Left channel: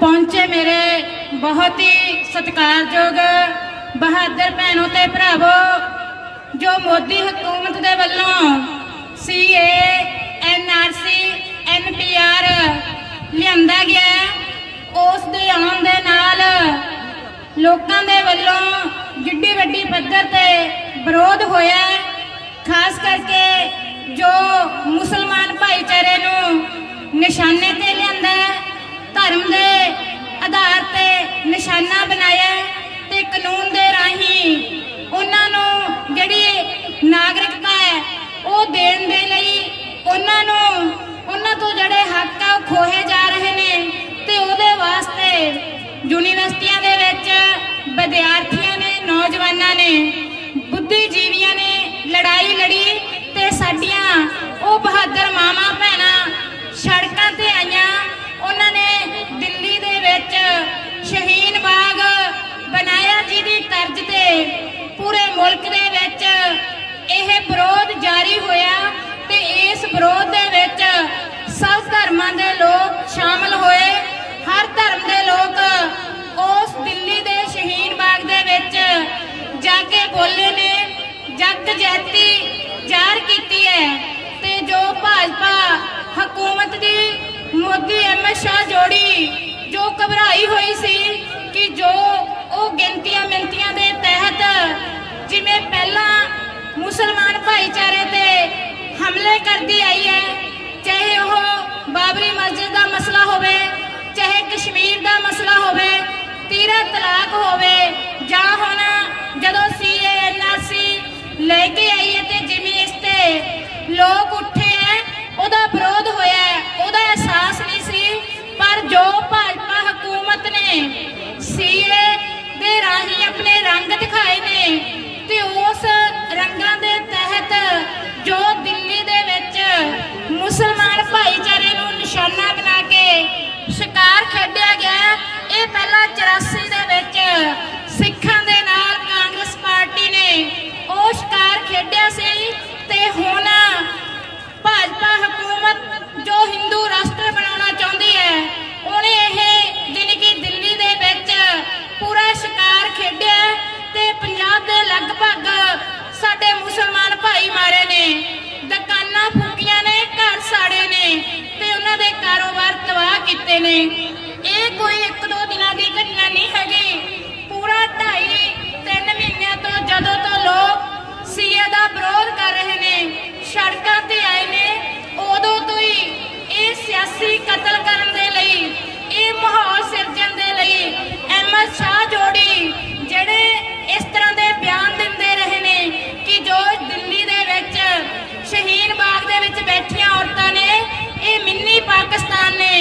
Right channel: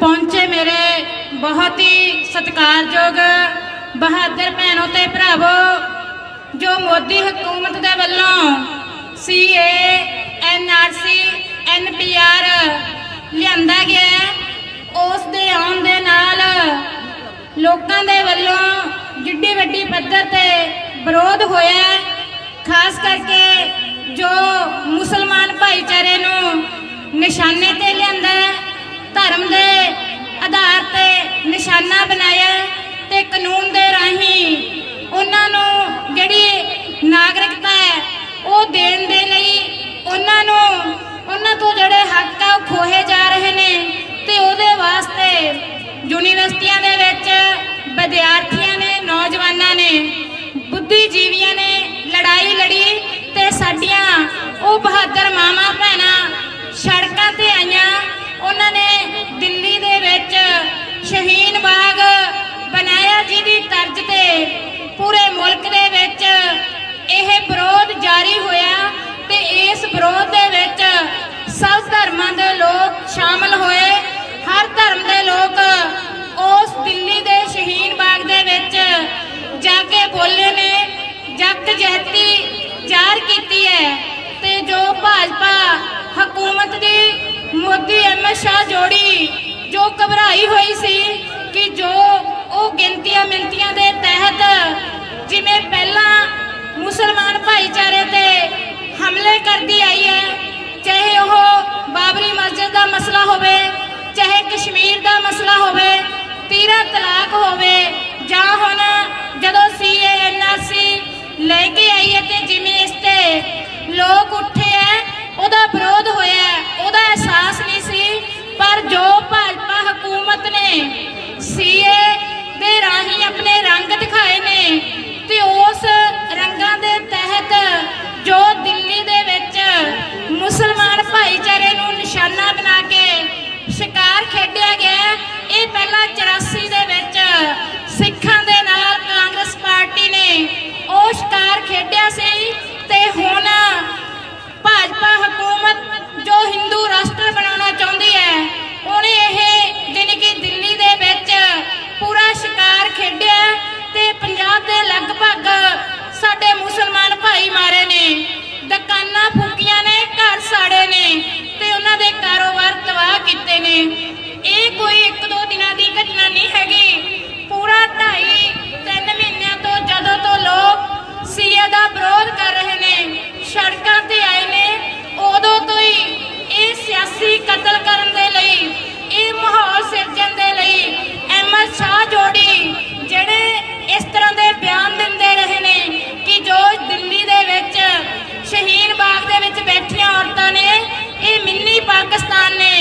पहुंचे मेरे बहुत ही सत्कारयोग बहादुर भैनों ते भरावो, जो मोदी हुकूमत दे वल्लों CA NRC NPR लिआंदा गया, उस दे आउण दे नाल लोकां दे वल्लों जिड्डी वड्डी पद्धर ते विरोध होया। खास करके जो मुसलमान भाईचारे नूं निशाने ते लिआंदा, धर्म दे आधार ते निशाना बनाया ते कानून दे राहीं उन्हां नूं जिहड़ी नागरिकता है वो देण दे लई उन्हां तो जिहड़े हक आ खोहे जा रहे ने ते उहदे वास्ते यूनीवर्सिटियां दे विच विद्यार्थियों ने, नौजवानों ने, बुद्धिजीवियों ने लड़ाई लड़ी ते साडियां वो बहादुर मावां भैणां सड़कां ते आईयां। उन्होंने दिल्ली दे विच शहीन बाग बनाया, जिहदी तर्ज ते पूरे मुल्क दे विच यह विरोध जारी होया ते इस विरोध दे विच सब धर्मां दे लोग शामिल होए। हर धर्म दे लोग उस दिल्ली दे शहीन बाग दे विच जाके बोले ने, जग जहती जार कीती है ते जो भाजपा हुकूमत दी मोदी अमित शाह जोड़ी जो घबराई हुई सी कि जो वो गिनतियां मिनतियां दे तहत जिवें पहला मुसलमान भाईचारे ते हमले करती आई है, चाहे वो बाबरी मस्जिद का मसला होवे, चाहे कश्मीर का मसला होवे, तीरा तलाक होवे, जां हुण जदों CA NRC लेके आई है ते जिवें इस ते लोग उठे है, उहदा विरोध होया, उहदा एहसास नहीं सी। पर जो भाजपा हुकूमत ने CA दे राही अपने रंग दिखाए ने ते उस रंगां दे तहत जो दिल्ली दे विच मुसलमान भाईचारे नूं निशाना बना के शिकार खेडिया गया। ये पहला 84 दे विच सिखां दे नाल कांग्रेस पार्टी ने ਉਹ शिकार खेडिया सी ते हुण भाजपा हुकूमत जो हिंदू राष्ट्र बनाना चाहती है, उन्हें यह जानी कि दिल्ली दे विच पूरा शिकार खेडिया ते पंजाब दे लगभग साडे मुसलमान भाई मारे ने, दुकानां फूकियां ने, घर साड़े ने ते उन्हां दे कारोबार तबाह कीते ने। ये कोई 1-2 दिनां दी घटना नहीं हैगी। पूरा 2.5-3 महीनों तो जदों तो लोग CA दा विरोध कर रहे ने, सड़कां ते आए ने, उदों तो ही ये सियासी कतल करन दे लई, ये माहौल सिरजण दे लई अहमद शाह जोड़ी जिहड़े इस तरह दे बयान दिंदे रहे ने कि जो दिल्ली दे विच शहीन बाग दे विच बैठियां औरतां ने, ये मिनी पाकिस्तान ने,